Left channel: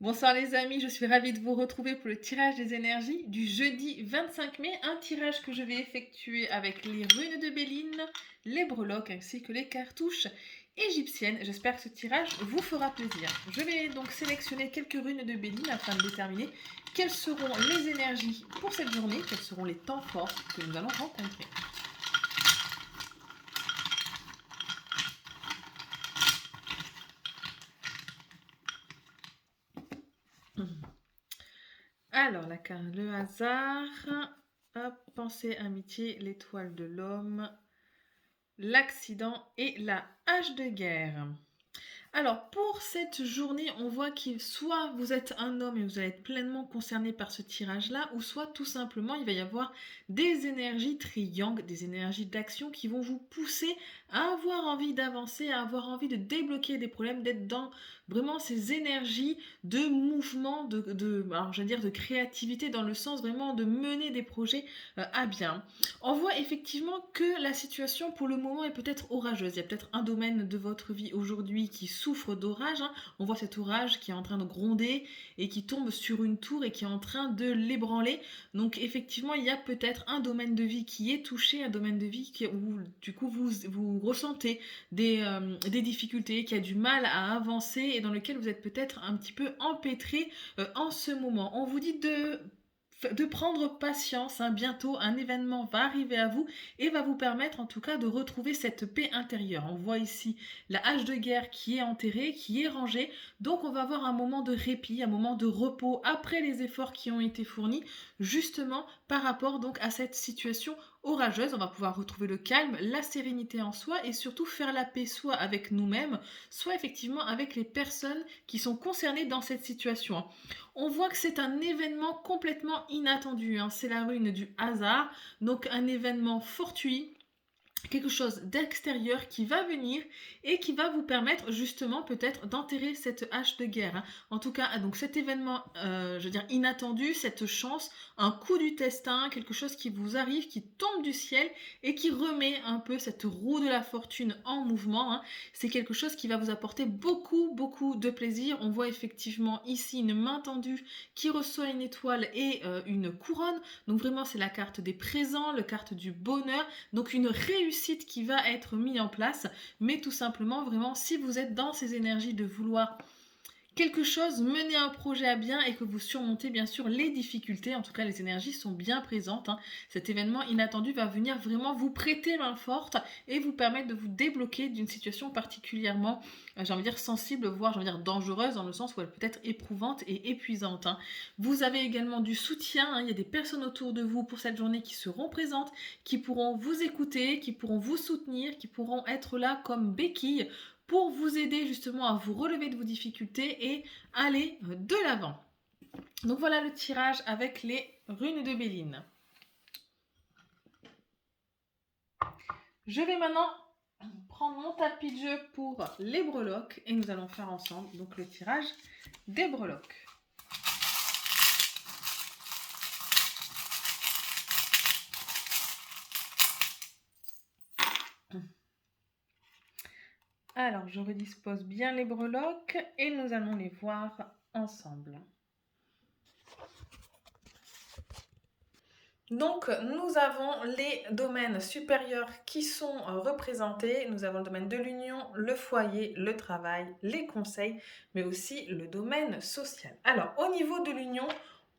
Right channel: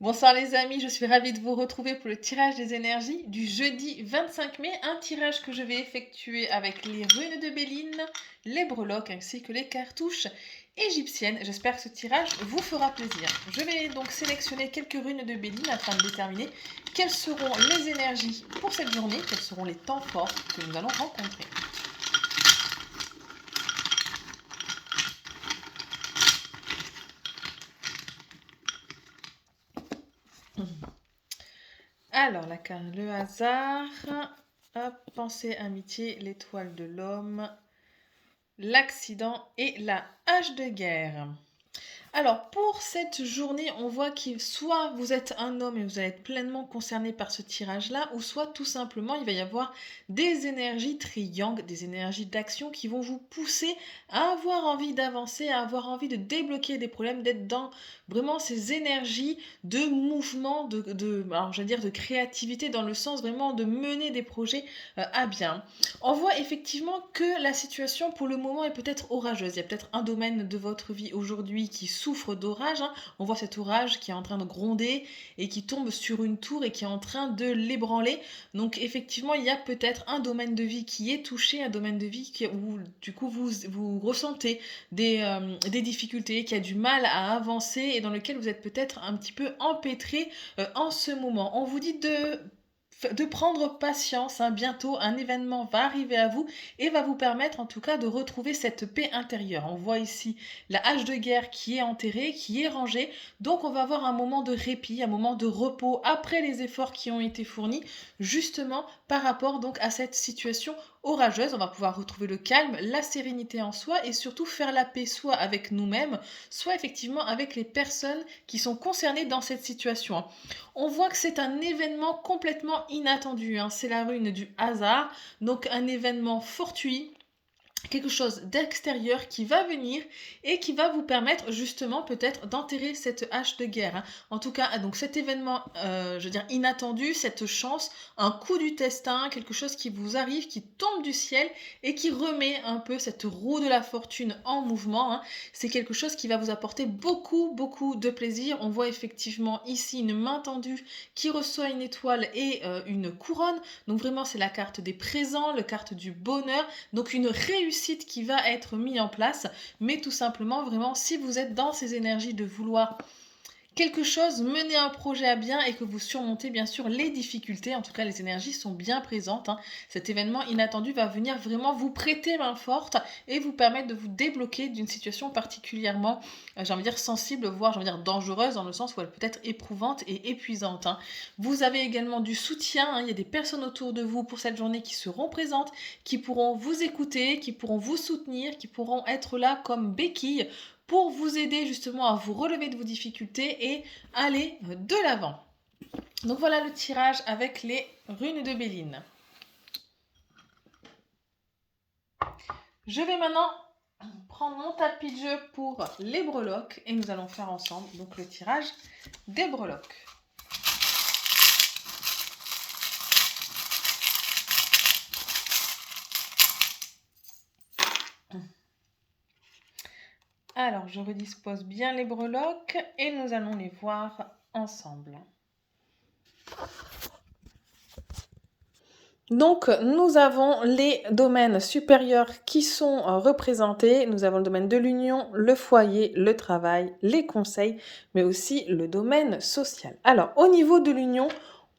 Bonsoir les amis, je suis ravie de vous retrouver pour le tirage des énergies du jeudi 25 mai, un tirage que je vais effectuer avec les runes de Béline, les breloques ainsi que les cartouches égyptiennes. J'espère que ce tirage vous fera plaisir. Je vais donc sélectionner quelques runes de Béline afin de déterminer quelles seront les énergies pour cette journée, quels seront les temps forts que nous allons rencontrer. Alors, la carte, le hasard, hop, pensée, amitié, l'étoile de l'homme, l'accident et la hache de guerre. Alors, pour cette journée, on voit que soit vous êtes un homme et vous allez être pleinement concerné par ce tirage-là, ou soit tout simplement, il va y avoir des énergies triangles, des énergies d'action qui vont vous pousser à avoir envie d'avancer, à avoir envie de débloquer des problèmes, d'être dans vraiment ces énergies de mouvement, alors je veux dire de créativité, dans le sens vraiment de mener des projets à bien. On voit effectivement que la situation pour le moment est peut-être orageuse. Il y a peut-être un domaine de votre vie aujourd'hui qui souffre d'orage, hein. On voit cet orage qui est en train de gronder et qui tombe sur une tour et qui est en train de l'ébranler. Donc effectivement, il y a peut-être un domaine de vie qui est touché, un domaine de vie où du coup vous ressentez des difficultés, qui a du mal à avancer et dans lequel vous êtes peut-être un petit peu empêtré en ce moment. On vous dit de prendre patience, hein. Bientôt un événement va arriver à vous et va vous permettre en tout cas de retrouver cette paix intérieure. On voit ici la hache de guerre qui est enterrée, qui est rangée, donc on va avoir un moment de répit, un moment de repos après les efforts qui ont été fournis, justement par rapport donc à cette situation orageuse. On va pouvoir retrouver le calme, la sérénité en soi et surtout faire la paix soit avec nous-mêmes, soit effectivement avec les personnes qui sont concernées dans cette situation. On voit que c'est un événement complètement inattendu, hein. C'est la rune du hasard, donc un événement fortuit, quelque chose d'extérieur qui va venir et qui va vous permettre justement peut-être d'enterrer cette hache de guerre, hein. En tout cas, donc cet événement, je veux dire inattendu, cette chance, un coup du destin, quelque chose qui vous arrive, qui tombe du ciel et qui remet un peu cette roue de la fortune en mouvement, hein. C'est quelque chose qui va vous apporter beaucoup, beaucoup de plaisir. On voit effectivement ici une main tendue qui reçoit une étoile et une couronne. Donc vraiment, c'est la carte des présents, la carte du bonheur. Donc une réussite qui va être mise en place, mais tout simplement, vraiment, si vous êtes dans ces énergies de vouloir quelque chose, mener un projet à bien et que vous surmontez bien sûr les difficultés, en tout cas les énergies sont bien présentes, hein. Cet événement inattendu va venir vraiment vous prêter main forte et vous permettre de vous débloquer d'une situation particulièrement, j'ai envie de dire sensible, voire j'ai envie de dire dangereuse, dans le sens où elle peut être éprouvante et épuisante, hein. Vous avez également du soutien, hein. Il y a des personnes autour de vous pour cette journée qui seront présentes, qui pourront vous écouter, qui pourront vous soutenir, qui pourront être là comme béquilles pour vous aider justement à vous relever de vos difficultés et aller de l'avant. Donc voilà le tirage avec les runes de Béline. Je vais maintenant prendre mon tapis de jeu pour les breloques et nous allons faire ensemble donc le tirage des breloques. Alors je redispose bien les breloques et nous allons les voir ensemble. Donc, nous avons les domaines supérieurs qui sont représentés. Nous avons le domaine de l'union, le foyer, le travail, les conseils, mais aussi le domaine social. Alors, au niveau de l'union,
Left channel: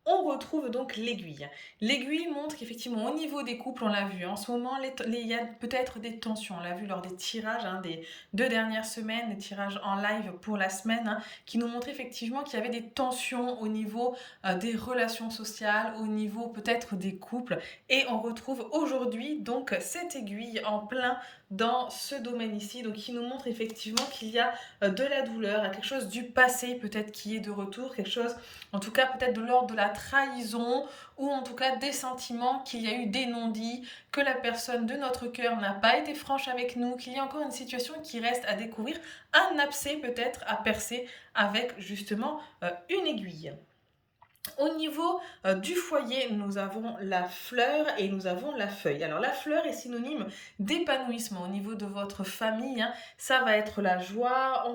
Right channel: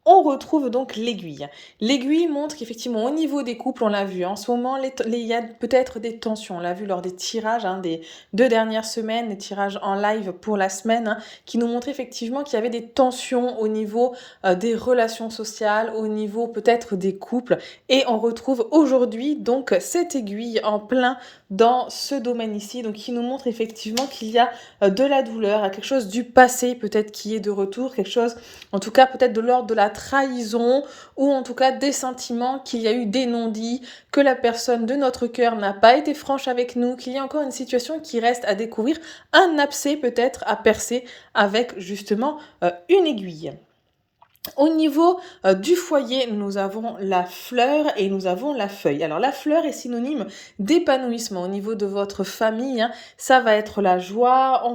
on retrouve donc l'aiguille. L'aiguille montre qu'effectivement, au niveau des couples, on l'a vu, en ce moment, il y a peut-être des tensions. On l'a vu lors des tirages, hein, des 2 dernières semaines, les tirages en live pour la semaine, hein, qui nous montraient effectivement qu'il y avait des tensions au niveau des relations sociales, au niveau peut-être des couples. Et on retrouve aujourd'hui donc cette aiguille en plein dans ce domaine ici, donc qui nous montre effectivement qu'il y a de la douleur, quelque chose du passé peut-être qui est de retour, quelque chose en tout cas peut-être de l'ordre de la trahison ou en tout cas des sentiments, qu'il y a eu des non-dits, que la personne de notre cœur n'a pas été franche avec nous, qu'il y a encore une situation qui reste à découvrir, un abcès peut-être à percer avec justement une aiguille. Au niveau du foyer, nous avons la fleur et nous avons la feuille. Alors la fleur est synonyme d'épanouissement au niveau de votre famille, hein. Ça va être la joie, on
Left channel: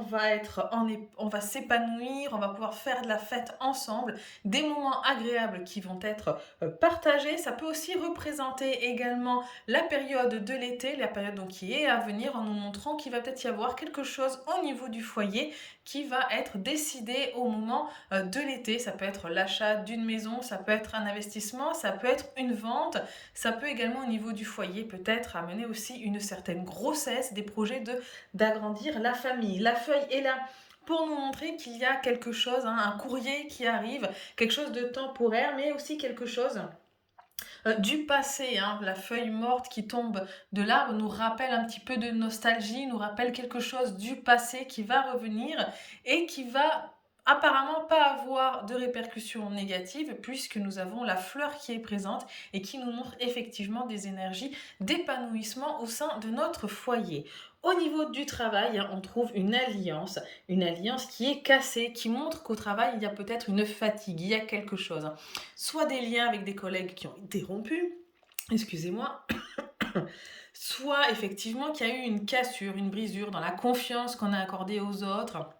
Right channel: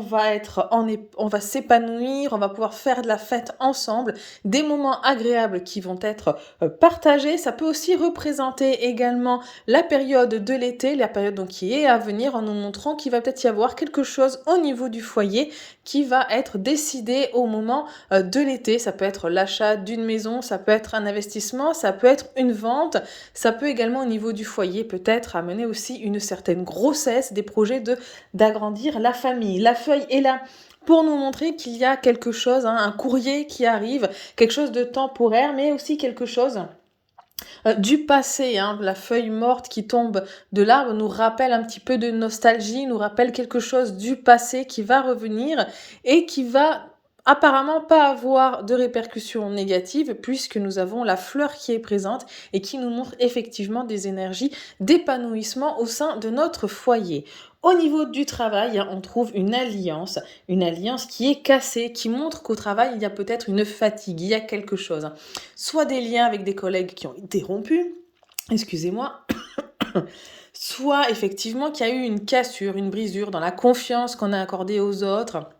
va s'épanouir, on va pouvoir faire de la fête ensemble, des moments agréables qui vont être partagés. Ça peut aussi représenter également la période de l'été, la période donc qui est à venir, en nous montrant qu'il va peut-être y avoir quelque chose au niveau du foyer qui va être décidé au moment de l'été. Ça peut être l'achat d'une maison, ça peut être un investissement, ça peut être une vente, ça peut également au niveau du foyer peut-être amener aussi une certaine grossesse, des projets d'agrandir la famille. La feuille est là pour nous montrer qu'il y a quelque chose, hein, un courrier qui arrive, quelque chose de temporaire, mais aussi quelque chose du passé, hein. La feuille morte qui tombe de l'arbre nous rappelle un petit peu de nostalgie, nous rappelle quelque chose du passé qui va revenir et qui va apparemment pas avoir de répercussions négatives puisque nous avons la fleur qui est présente et qui nous montre effectivement des énergies d'épanouissement au sein de notre foyer. Au niveau du travail, hein, on trouve une alliance qui est cassée, qui montre qu'au travail, il y a peut-être une fatigue, il y a quelque chose. Soit des liens avec des collègues qui ont été rompus, excusez-moi, soit effectivement qu'il y a eu une cassure, une brisure dans la confiance qu'on a accordée aux autres,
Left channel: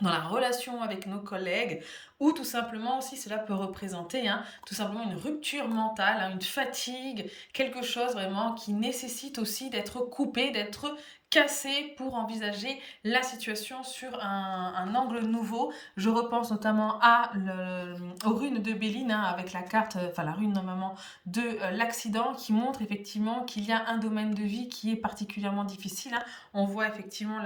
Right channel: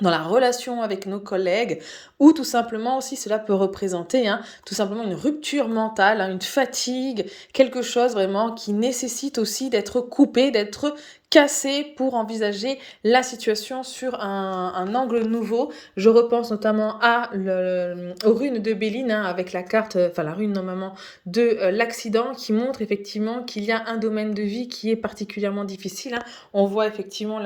dans la relation avec nos collègues, ou tout simplement aussi cela peut représenter, hein, tout simplement une rupture mentale, hein, une fatigue, quelque chose vraiment qui nécessite aussi d'être coupé, d'être cassé pour envisager la situation sur un angle nouveau. Je repense notamment aux runes de Béline, hein, avec la carte, enfin la rune normalement de l'accident qui montre effectivement qu'il y a un domaine de vie qui est particulièrement difficile, hein. On voit effectivement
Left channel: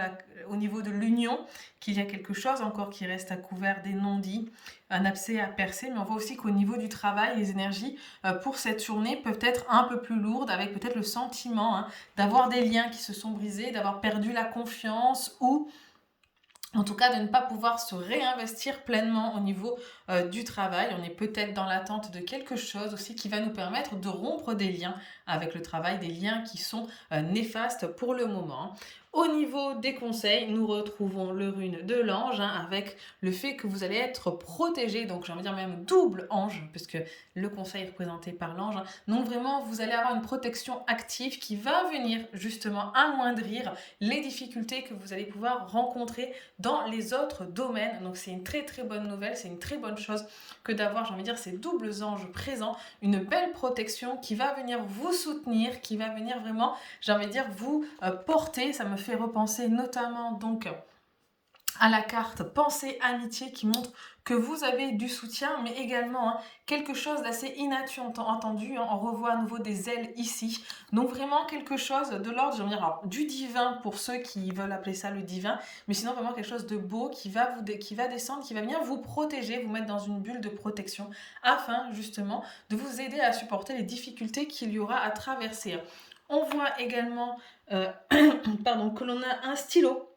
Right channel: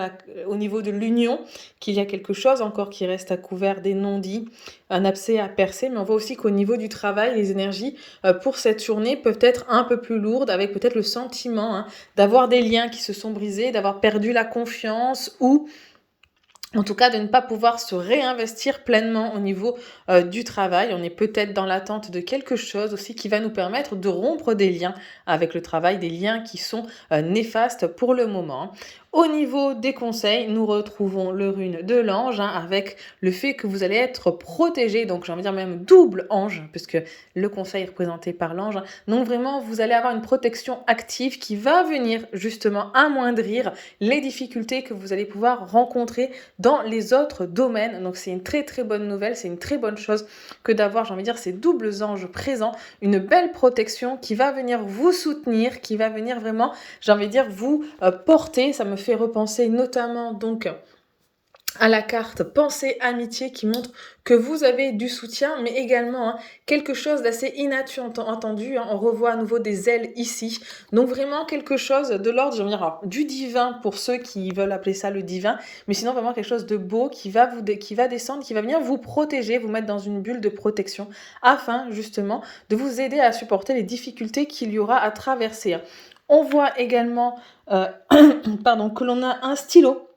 au niveau de l'union qu'il y a quelque chose encore qui reste à couvert, des non-dits, un abcès à percer, mais on voit aussi qu'au niveau du travail, les énergies pour cette journée peuvent être un peu plus lourdes, avec peut-être le sentiment, hein, d'avoir des liens qui se sont brisés, d'avoir perdu la confiance ou en tout cas de ne pas pouvoir se réinvestir pleinement au niveau du travail. On est peut-être dans l'attente de quelque chose aussi qui va nous permettre de rompre des liens avec le travail, des liens qui sont néfastes pour le moment. Au niveau des conseils, nous retrouvons le rune de l'ange, hein, avec le fait que vous allez être protégé, donc j'ai envie de dire même double ange, puisque le conseil est représenté par l'ange, hein. Donc vraiment, vous allez avoir une protection active qui va venir justement amoindrir les difficultés que vous allez pouvoir rencontrer dans les autres domaines. Donc c'est une très très bonne nouvelle, c'est une très bonne chose que d'avoir, j'ai envie de dire, ces doubles anges présents, une belle protection qui va venir vous soutenir, qui va venir vraiment, j'ai envie de dire, vous porter. Ça me fait repenser notamment donc à la carte Pensée Amitié qui montre que vous avez du soutien, mais également, hein, quelque chose d'assez inattendu, hein. On revoit à nouveau des ailes ici. Donc vraiment quelque chose de l'ordre, j'ai envie de dire, alors, du divin pour ceux qui veulent appeler ça le divin, mais sinon vraiment quelque chose de beau qui va descendre, qui va venir vous protéger, vous mettre dans une bulle de protection, afin justement de vous aider à supporter les difficultés qu'il y aura à traverser. On voit également pardon, que l'on a un stylo.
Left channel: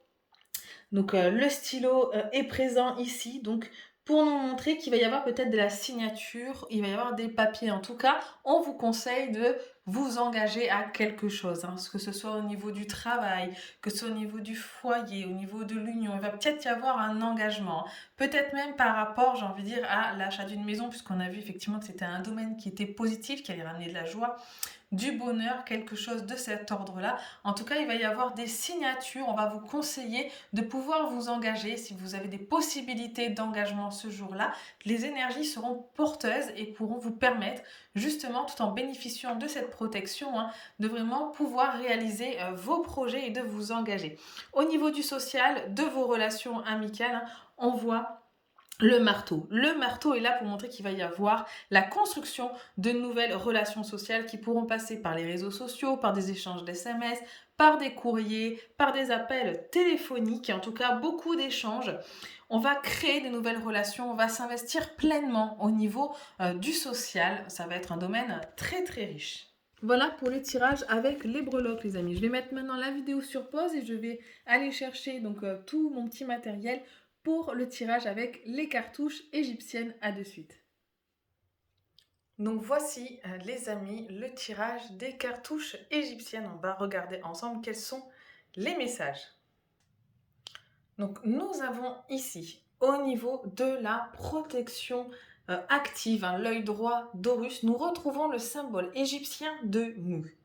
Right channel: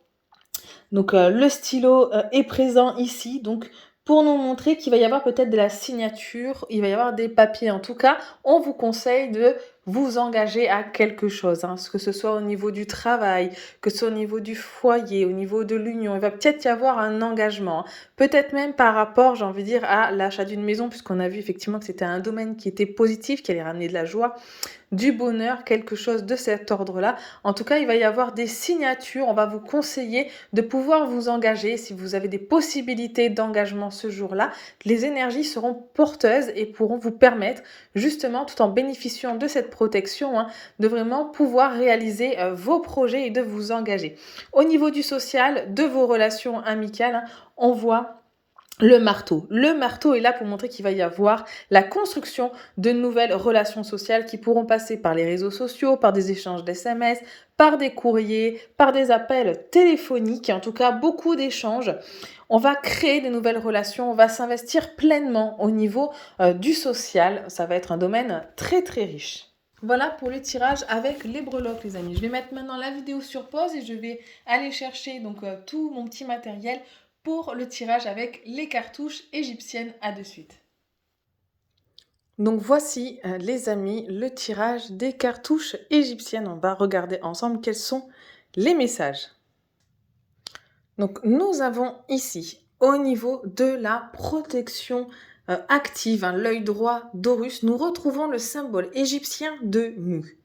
Donc le stylo est présent ici, donc pour nous montrer qu'il va y avoir peut-être de la signature, il va y avoir des papiers. En tout cas, on vous conseille de vous engager à quelque chose, hein, que ce soit au niveau du travail, que ce soit au niveau du foyer, au niveau de l'union. Il va peut-être y avoir un engagement, hein. Peut-être même par rapport, j'ai envie de dire, à l'achat d'une maison, puisqu'on a vu effectivement que c'était un domaine qui était positif, qui allait ramener de la joie, du bonheur, quelque chose de cet ordre-là. En tout cas, il va y avoir des signatures. On va vous conseiller de pouvoir vous engager. Si vous avez des possibilités d'engagement ce jour-là, les énergies seront porteuses et pourront vous permettre, justement, tout en bénéficiant de cette protection, hein, de vraiment pouvoir réaliser vos projets et de vous engager. Au niveau du social, de vos relations amicales, hein, on voit le marteau. Le marteau est là pour montrer qu'il va y avoir la construction de nouvelles relations sociales qui pourront passer par les réseaux sociaux, par des échanges d'SMS, par des courriers, par des appels téléphoniques, en tout cas beaucoup d'échanges. On va créer de nouvelles relations, on va s'investir pleinement au niveau du social. Ça va être un domaine très très riche. Voilà pour le tirage avec les breloques, les amis. Je vais mettre maintenant la vidéo sur pause et je vais aller chercher donc tout mon petit matériel pour le tirage avec les cartouches égyptiennes. À de suite. Donc voici les amis le tirage des cartouches égyptiennes. On va regarder ensemble quels sont les messages. Donc nous avons ici au niveau de la protection active, hein, l'œil droit d'Horus, nous retrouvons le symbole égyptien de Mu.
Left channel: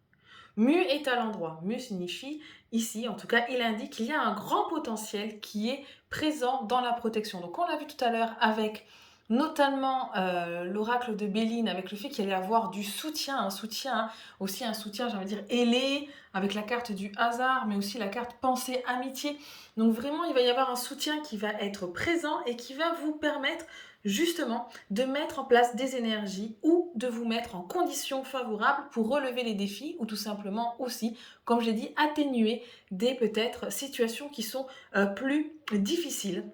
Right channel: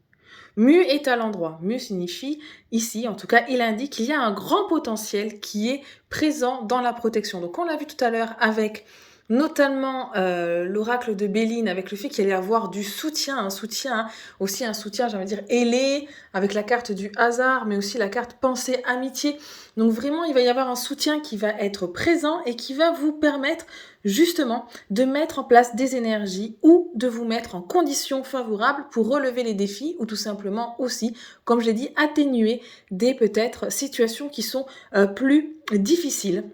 Mu est à l'endroit. Mu signifie, ici en tout cas, il indique qu'il y a un grand potentiel qui est présent dans la protection. Donc on l'a vu tout à l'heure avec notamment l'oracle de Béline, avec le fait qu'il allait y avoir du soutien, hein, aussi un soutien, j'ai envie de dire, ailé, avec la carte du hasard, mais aussi la carte pensée amitié. Donc vraiment, il va y avoir un soutien qui va être présent et qui va vous permettre justement de mettre en place des énergies ou de vous mettre en conditions favorables pour relever les défis ou tout simplement aussi, comme je l'ai dit, atténuer des peut-être situations qui sont plus difficiles.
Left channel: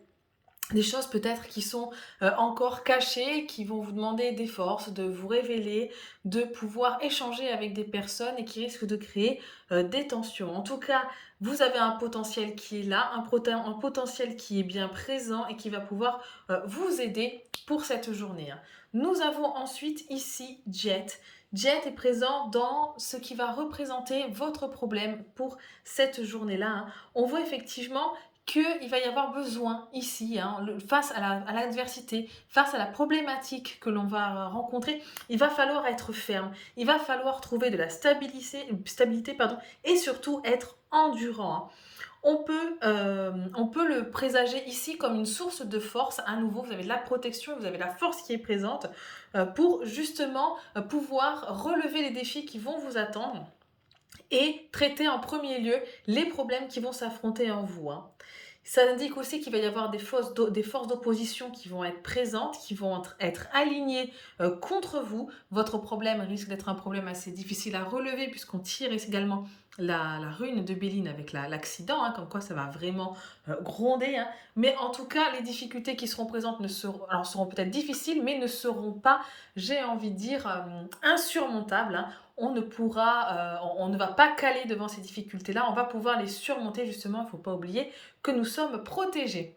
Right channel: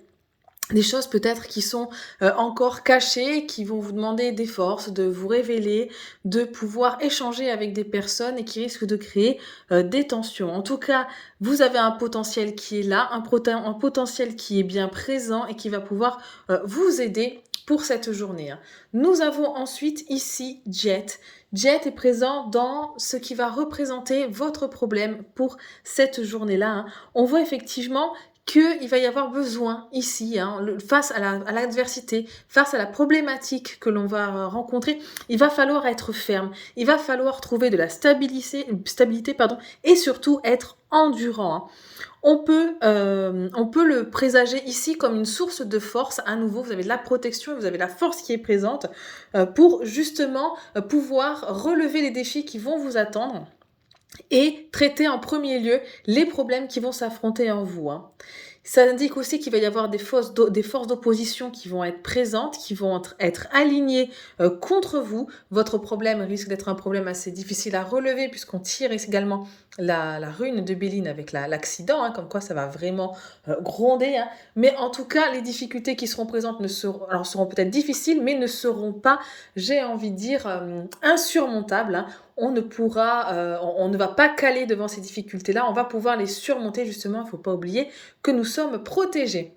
Des choses peut-être qui sont encore cachées, qui vont vous demander des forces, de vous révéler, de pouvoir échanger avec des personnes et qui risquent de créer des tensions. En tout cas, vous avez un potentiel qui est là, un potentiel qui est bien présent et qui va pouvoir vous aider pour cette journée. Nous avons ensuite ici Jet. Jet est présent dans ce qui va représenter votre problème pour cette journée-là. On voit effectivement qu'il va y avoir besoin ici, face à l'adversité, face à la problématique que l'on va rencontrer, il va falloir être ferme, il va falloir trouver de la stabilité et surtout être endurant. On peut le présager ici comme une source de force. À nouveau, vous avez de la protection, vous avez la force qui est présente pour justement pouvoir relever les défis qui vont vous attendre et traiter en premier lieu les problèmes qui vont s'affronter en vous. Ça indique aussi qu'il va y avoir des forces d'opposition qui vont être présentes, qui vont être alignées contre vous. Votre problème risque d'être un problème assez difficile à relever puisqu'on tire également la rune de Béline avec l'accident, comme quoi ça va vraiment gronder. Mais en tout cas, les difficultés qui seront présentes seront peut-être difficiles, mais ne seront pas, j'ai envie de dire, insurmontables. On ne va pas caler devant ces difficultés-là, on va pouvoir les surmonter justement, il ne faut pas oublier que nous sommes protégés.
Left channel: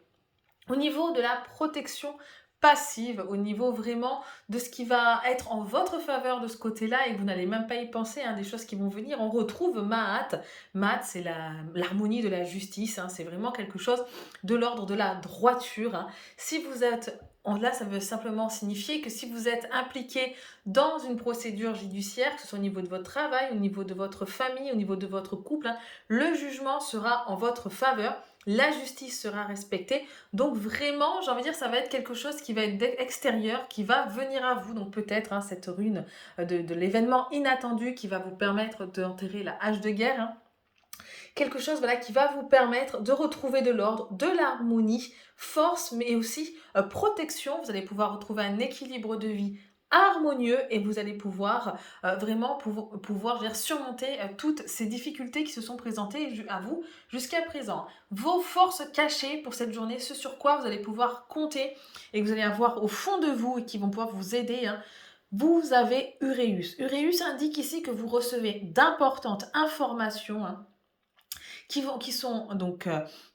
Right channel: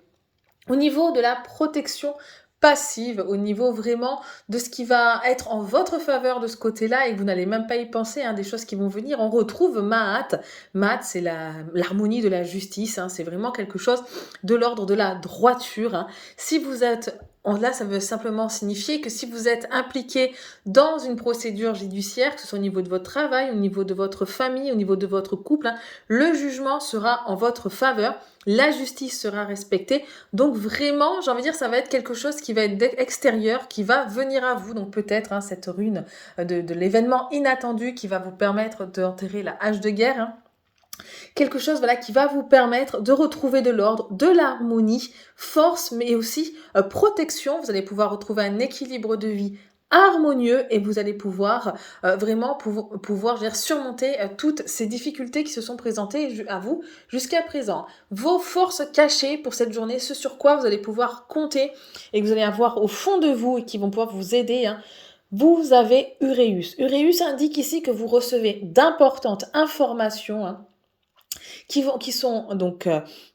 Au niveau de la protection passive, au niveau vraiment de ce qui va être en votre faveur de ce côté-là et que vous n'allez même pas y penser, des choses qui vont venir, on retrouve Maat. Maat, c'est l'harmonie de la justice, c'est vraiment quelque chose de l'ordre de la droiture. Si vous êtes... Là, ça veut simplement signifier que si vous êtes impliqué dans une procédure judiciaire, que ce soit au niveau de votre travail, au niveau de votre famille, au niveau de votre couple, le jugement sera en votre faveur, la justice sera respectée. Donc vraiment, j'ai envie de dire, ça va être quelque chose qui va être extérieur, qui va venir à vous. Donc peut-être cette rune de l'événement inattendu qui va vous permettre d'enterrer la hache de guerre. Quelque chose qui va vous permettre de retrouver de l'ordre, de l'harmonie, force, mais aussi protection. Vous allez pouvoir retrouver un équilibre de vie harmonieux et vous allez pouvoir vraiment surmonter toutes ces difficultés qui se sont présentées à vous jusqu'à présent. Vos forces cachées pour cette journée, ce sur quoi vous allez pouvoir compter et que vous allez avoir au fond de vous et qui vont pouvoir vous aider. Vous avez Uréus. Uréus indique ici que vous recevez d'importantes informations qui sont donc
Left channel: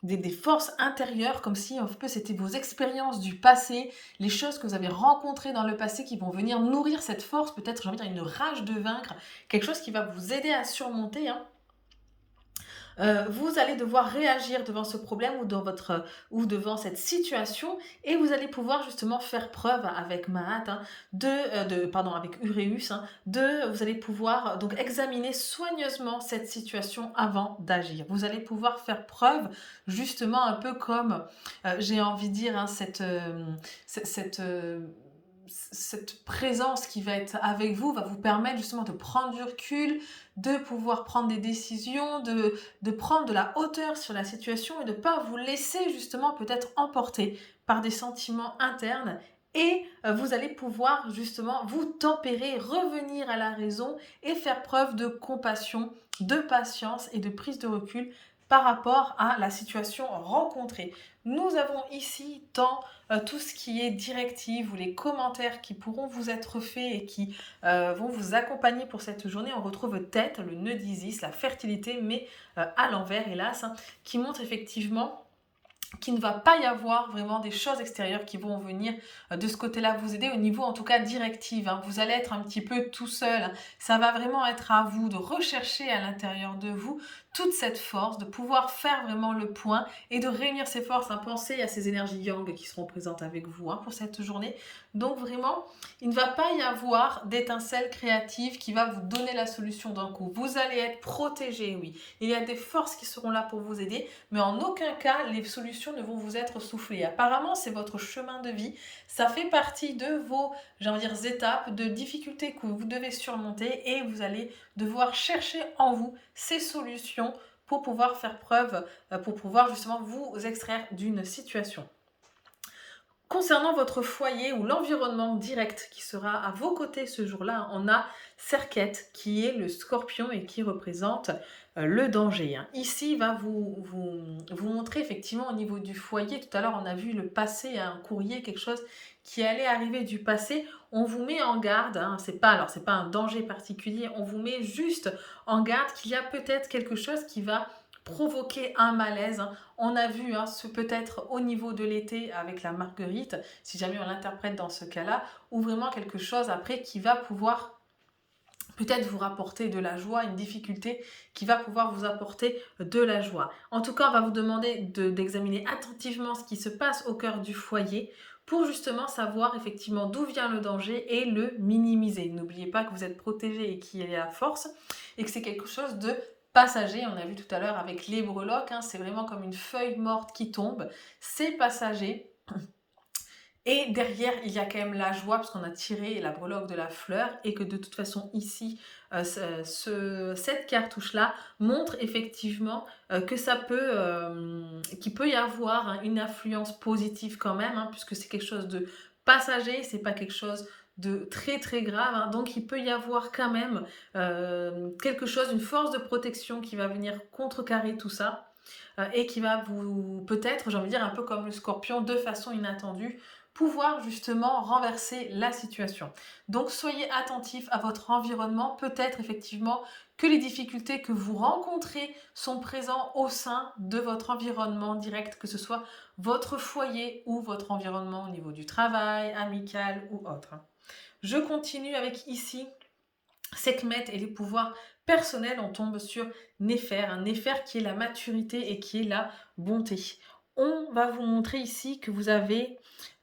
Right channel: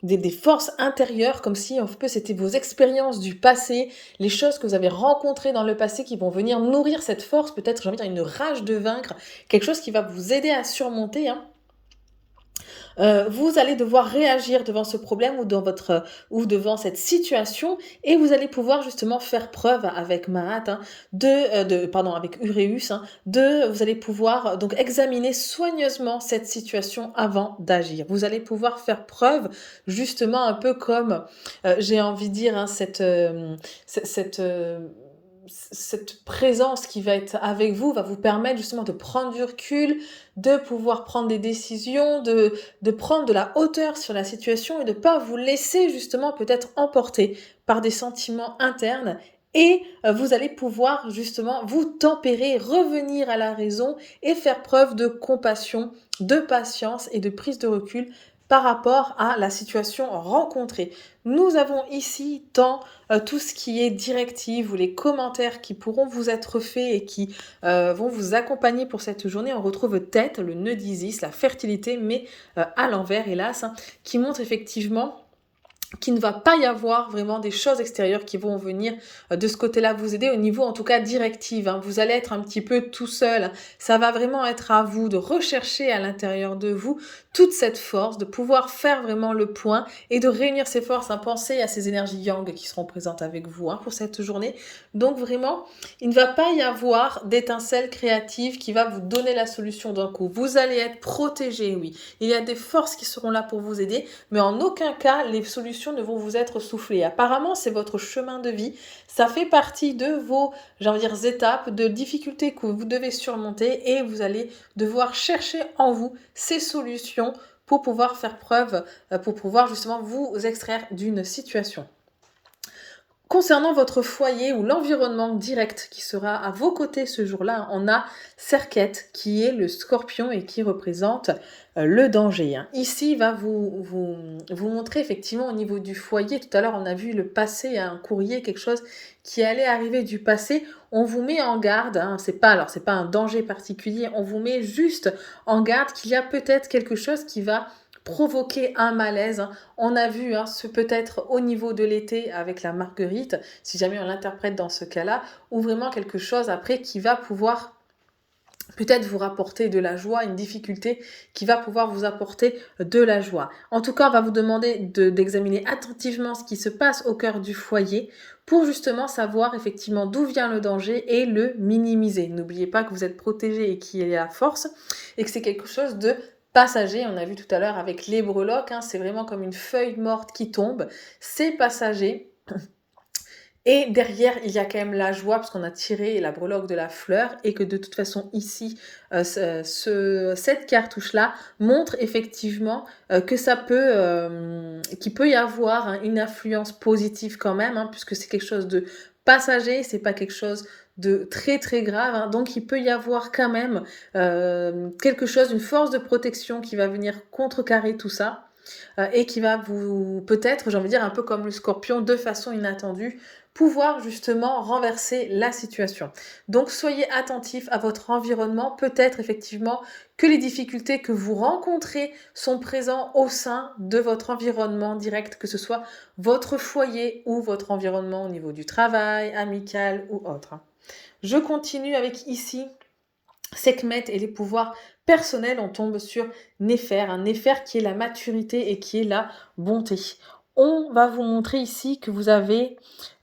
des forces intérieures, comme si un peu c'était vos expériences du passé, les choses que vous avez rencontrées dans le passé qui vont venir nourrir cette force, peut-être j'ai envie de dire une rage de vaincre, quelque chose qui va vous aider à surmonter. Vous allez devoir réagir devant ce problème ou devant cette situation et vous allez pouvoir justement faire preuve avec Maat, avec Uréus, vous allez pouvoir donc examiner soigneusement cette situation avant d'agir. Vous allez pouvoir faire preuve justement un peu comme, j'ai envie de dire, cette présence qui va être avec vous va vous permettre justement de prendre du recul, de pouvoir prendre des décisions, de prendre de la hauteur sur la situation et de ne pas vous laisser justement peut-être emporter par des sentiments internes. Et vous allez pouvoir justement vous tempérer, revenir à la raison et faire preuve de compassion, de patience et de prise de recul par rapport à la situation rencontrée. Nous avons ici tout ce qui est directive ou les commentaires qui pourront vous être faits et qui vont vous accompagner pour cette journée. On retrouve tête, le nœud d'Isis, la fertilité, mais à l'envers, hélas, qui montre effectivement qu'il ne va pas y avoir vraiment des choses extérieures qui vont venir de ce côté-là vous aider au niveau en tout cas directive. Vous allez être un petit peu tout seul. Ça va vraiment être à vous de rechercher à l'intérieur de vous toute cette force, de pouvoir faire vraiment le point et de réunir ces forces, hein. Pensez à ces énergies yang qui seront présentes avec vous, hein, pour cette journée. Donc vraiment, il ne va pas y avoir d'étincelle créative qui va vous donner la solution d'un coup. Vous allez être protégé, oui. Il y a des forces qui seront là pour vous aider, mais en aucun cas, les solutions ne vont vous être soufflées. Apparemment, c'est votre chemin de vie. Ça fait partie de vos, j'ai envie de dire, étapes, de difficultés que vous devez surmonter et vous allez devoir chercher en vous ces solutions pour pouvoir faire preuve, pour pouvoir justement vous extraire d'une situation. Concernant votre foyer ou l'environnement direct qui sera à vos côtés ce jour-là, on a Serket qui est le scorpion et qui représente le danger, hein. Ici, il va vous montrer effectivement au niveau du foyer. Tout à l'heure, on a vu le passé, un courrier, quelque chose qui allait arriver du passé. On vous met en garde, hein, c'est pas un danger particulier, on vous met juste en garde qu'il y a peut-être quelque chose qui va provoquer un malaise, hein. On a vu, hein, ce peut-être au niveau de l'été avec la marguerite, si jamais on l'interprète dans ce cas-là, ou vraiment quelque chose après qui va pouvoir peut-être vous rapporter de la joie, une difficulté qui va pouvoir vous apporter de la joie. En tout cas, on va vous demander d'examiner attentivement ce qui se passe au cœur du foyer pour justement savoir effectivement d'où vient le danger et le minimiser. N'oubliez pas que vous êtes protégé et qu'il y a la force et que c'est quelque chose de passager. On a vu tout à l'heure avec les breloques, hein, c'est vraiment comme une feuille morte qui tombe. C'est passager. Et derrière, il y a quand même la joie, parce qu'on a tiré la breloque de la fleur, et que de toute façon, ici, cette cartouche-là montre effectivement que qu'il peut y avoir, hein, une influence positive quand même, hein, puisque c'est quelque chose de passager, c'est pas quelque chose de très très grave, hein. Donc il peut y avoir quand même quelque chose, une force de protection qui va venir contrecarrer tout ça. Et qui va vous, peut-être, j'ai envie de dire, un peu comme le scorpion, de façon inattendue, pouvoir justement renverser la situation. Donc soyez attentifs à votre environnement. Peut-être effectivement que les difficultés que vous rencontrez sont présentes au sein de votre environnement direct, que ce soit votre foyer ou votre environnement au niveau du travail, amical ou autre. Je continue avec ici Sekhmet et les pouvoirs personnels. On tombe sur Néfer, un Néfer qui est la maturité et qui est la bonté. On va vous montrer ici que vous avez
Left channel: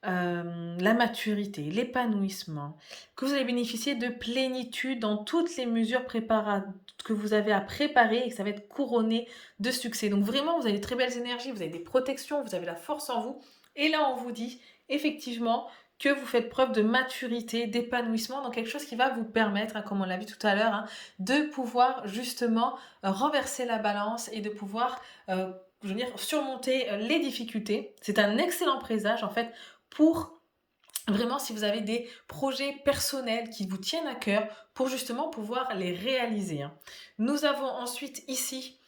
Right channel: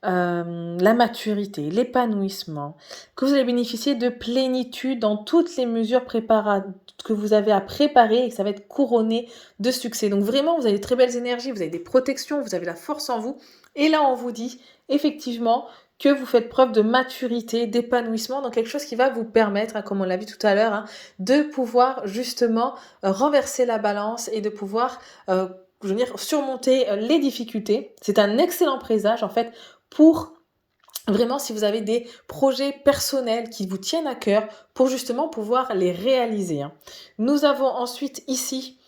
la maturité, l'épanouissement, que vous allez bénéficier de plénitude dans toutes les mesures que vous avez à préparer et que ça va être couronné de succès. Donc vraiment, vous avez de très belles énergies, vous avez des protections, vous avez la force en vous. Et là, on vous dit effectivement que vous faites preuve de maturité, d'épanouissement, donc quelque chose qui va vous permettre, hein, comme on l'a vu tout à l'heure, hein, de pouvoir justement renverser la balance et de pouvoir je veux dire, surmonter les difficultés. C'est un excellent présage en fait pour vraiment si vous avez des projets personnels qui vous tiennent à cœur pour justement pouvoir les réaliser, hein. Nous avons ensuite ici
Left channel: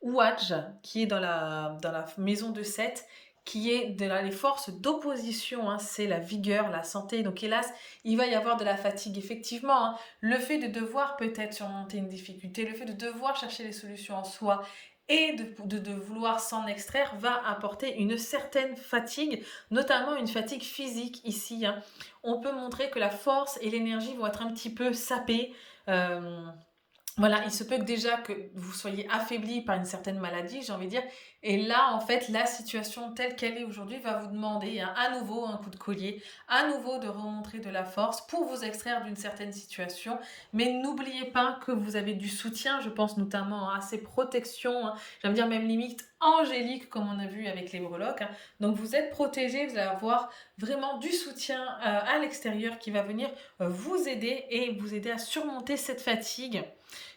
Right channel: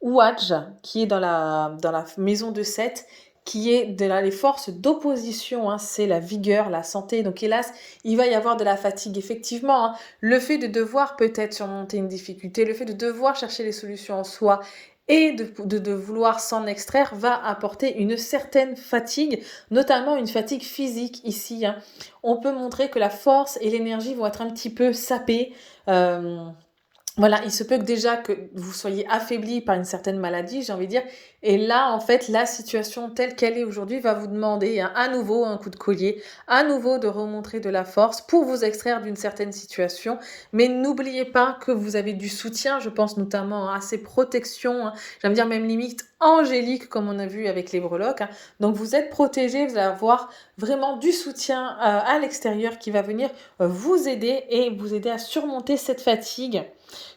Ouadj qui est dans la maison de Seth, qui est les forces d'opposition, hein, c'est la vigueur, la santé. Donc hélas, il va y avoir de la fatigue. Effectivement, hein, le fait de devoir peut-être surmonter une difficulté, le fait de devoir chercher les solutions en soi et de vouloir s'en extraire va apporter une certaine fatigue, notamment une fatigue physique ici, hein. On peut montrer que la force et l'énergie vont être un petit peu sapées. Voilà, il se peut que déjà que vous soyez affaibli par une certaine maladie, j'ai envie de dire. Et là, en fait, la situation telle qu'elle est aujourd'hui va vous demander, hein, à nouveau un coup de collier, à nouveau de remontrer de la force pour vous extraire d'une certaine situation. Mais n'oubliez pas que vous avez du soutien, je pense notamment à ces protections, hein, j'ai envie de dire même limite angéliques, comme on a vu avec les breloques, hein. Donc vous êtes protégé, vous allez avoir vraiment du soutien à l'extérieur qui va venir vous aider et vous aider à surmonter cette fatigue.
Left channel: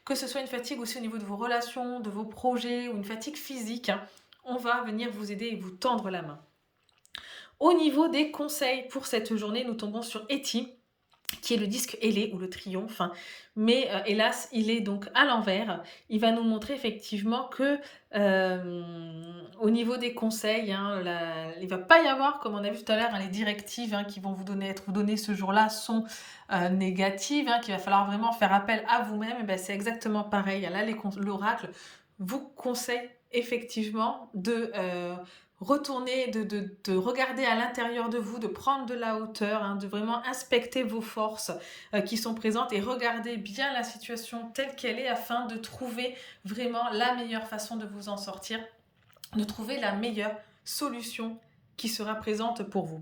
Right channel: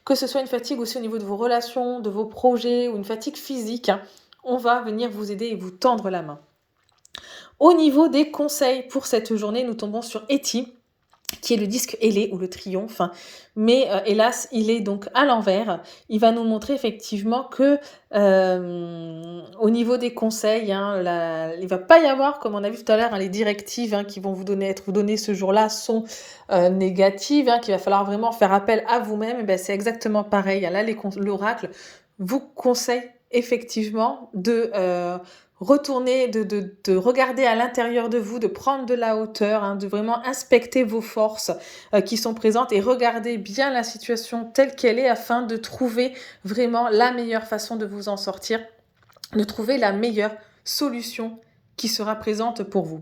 Que ce soit une fatigue aussi au niveau de vos relations, de vos projets ou une fatigue physique, hein, on va venir vous aider et vous tendre la main. Au niveau des conseils pour cette journée, nous tombons sur Eti, qui est le disque ailé ou le triomphe, hein. Mais hélas, il est donc à l'envers. Il va nous montrer effectivement que au niveau des conseils, hein, il ne va pas y avoir, comme on a vu tout à l'heure, hein, les directives, hein, qui vont vous donner ce jour-là sont négatives, hein, qu'il va falloir vraiment faire appel à vous-même. Ben, c'est exactement pareil, hein. Là, l'oracle vous conseille effectivement de retourner, de regarder à l'intérieur de vous, de prendre de la hauteur, hein, de vraiment inspecter vos forces qui sont présentes et regarder bien la situation telle qu'elle est afin de trouver vraiment la meilleure façon de vous en sortir, de trouver la meilleure solution qui sera présente pour vous.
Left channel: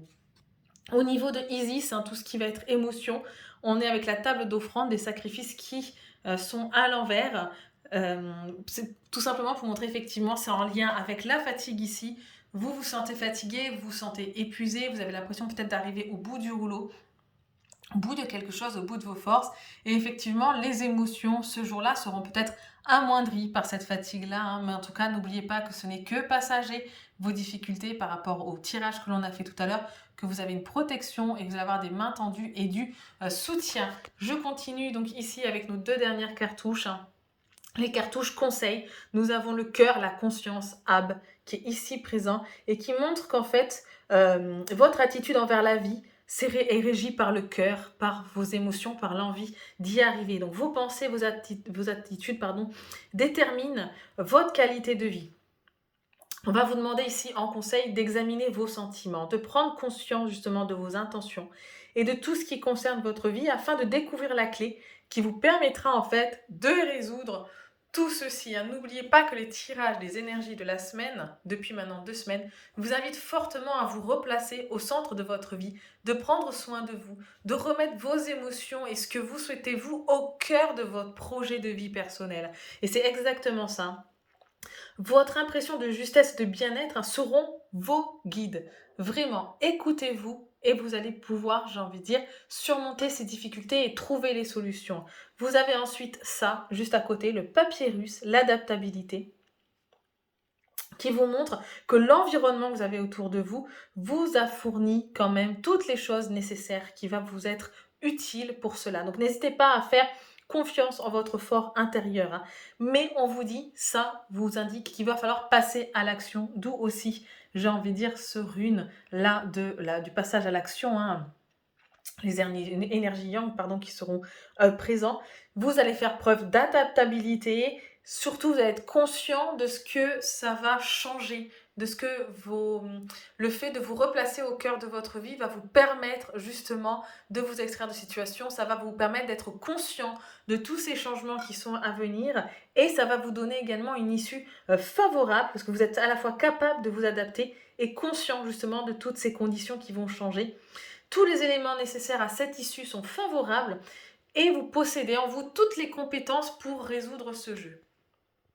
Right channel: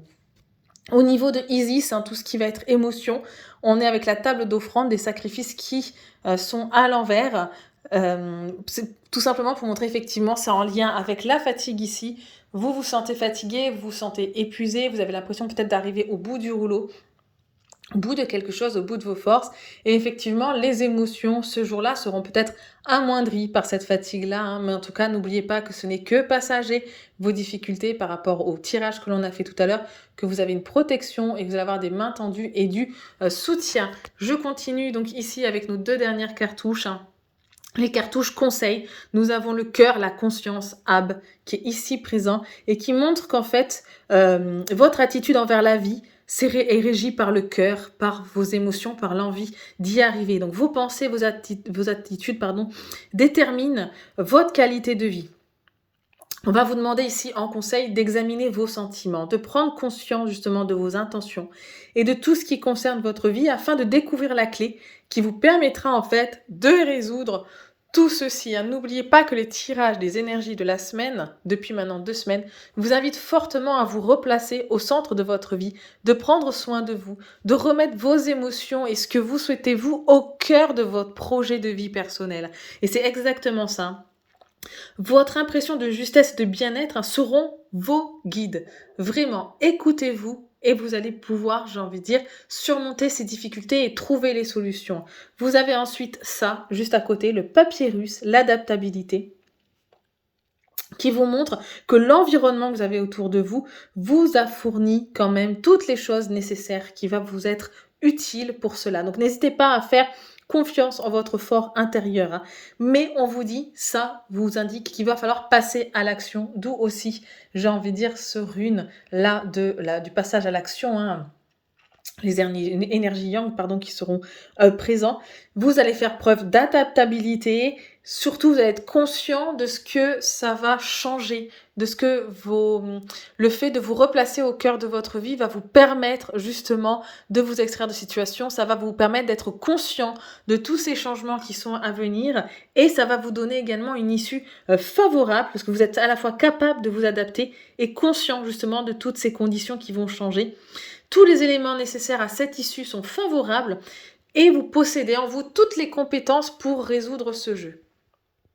Au niveau de Isis, hein, tout ce qui va être émotion, on est avec la table d'offrande des sacrifices qui sont à l'envers. C'est tout simplement pour montrer effectivement c'est en lien avec la fatigue ici. Vous vous sentez fatigué, vous vous sentez épuisé, vous avez l'impression peut-être d'arriver au bout du rouleau, au bout de quelque chose, au bout de vos forces. Et effectivement, les émotions ce jour-là seront peut-être amoindries par cette fatigue-là. Hein, mais en tout cas, n'oubliez pas que ce n'est que passager, vos difficultés par rapport au tirage que l'on a fait tout à l'heure, que vous avez une protection et que vous allez avoir des mains tendues et du soutien. Je continue donc ici avec nos 2 dernières cartouches. Hein. Les cartouches conseils, nous avons le cœur, la conscience, Ab, qui est ici présent et qui montre qu'en fait, votre attitude envers la vie est régie par le cœur, par vos émotions, par l'envie d'y arriver. Donc vos pensées, vos attitudes déterminent votre qualité de vie. On va vous demander ici en conseil d'examiner vos sentiments, de prendre conscience justement de vos intentions et de tout ce qui concerne votre vie afin de découvrir la clé qui vous permettra en fait de résoudre tout ceci. Hein. N'oubliez pas que les tirages des énergies de la semaine, depuis maintenant 2 semaines, vous invitent fortement à vous replacer au centre de votre vie, de prendre soin de vous, de remettre vos émotions et ce que vous souhaitez vous au cœur de votre projet de vie personnel. Et c'est exactement ça. Votre impression de justesse et de bien-être seront vos guides. Vraiment, écoutez-vous et vous allez pouvoir, j'ai envie de dire, surmonter ces difficultés et trouver les solutions. Vous avez ensuite ça, juste à côté, le papyrus, l'adaptabilité, qui vous montre que l'environnement que vous avez autour de vous vous a fourni quand même toutes les choses nécessaires qui vont vous être utiles pour cela. Donc n'hésitez pas à faire confiance en votre fort intérieur. Hein. Mais on vous dit, ça vous indique qu'il va falloir passer à l'action, d'où aussi, j'ai envie de dire, ce rune là, du passage à l'action. Hein. Les énergies yang qui seront présents. Vous allez faire preuve d'adaptabilité. Surtout, vous allez être conscient de ce que ça va changer, de ce que le fait de vous replacer au cœur de votre vie va vous permettre justement de vous extraire de situations. Ça va vous permettre d'être conscient de tous ces changements qui sont à venir et ça va vous donner également une issue favorable parce que vous êtes à la fois capable de vous adapter et conscient justement de toutes ces conditions qui vont changer. Tous les éléments nécessaires à cette issue sont favorables et vous possédez en vous toutes les compétences pour résoudre ce jeu.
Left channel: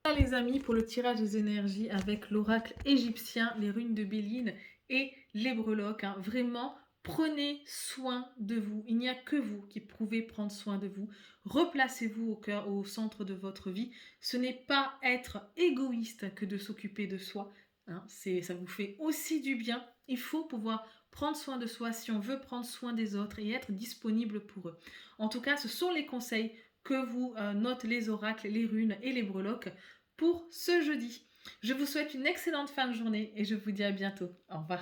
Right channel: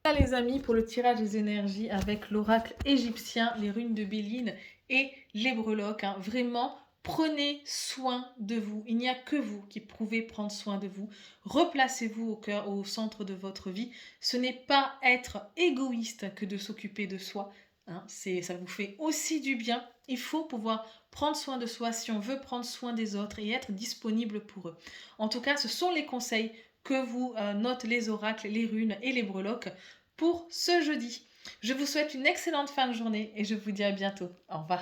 Voilà les amis pour le tirage des énergies avec l'oracle égyptien, les runes de Béline et les breloques. Hein. Vraiment, prenez soin de vous. Il n'y a que vous qui pouvez prendre soin de vous. Replacez-vous au centre de votre vie. Ce n'est pas être égoïste que de s'occuper de soi. Hein. Ça vous fait aussi du bien. Il faut pouvoir prendre soin de soi si on veut prendre soin des autres et être disponible pour eux. En tout cas, ce sont les conseils que vous notent les oracles, les runes et les breloques pour ce jeudi. Je vous souhaite une excellente fin de journée et je vous dis à bientôt. Au revoir.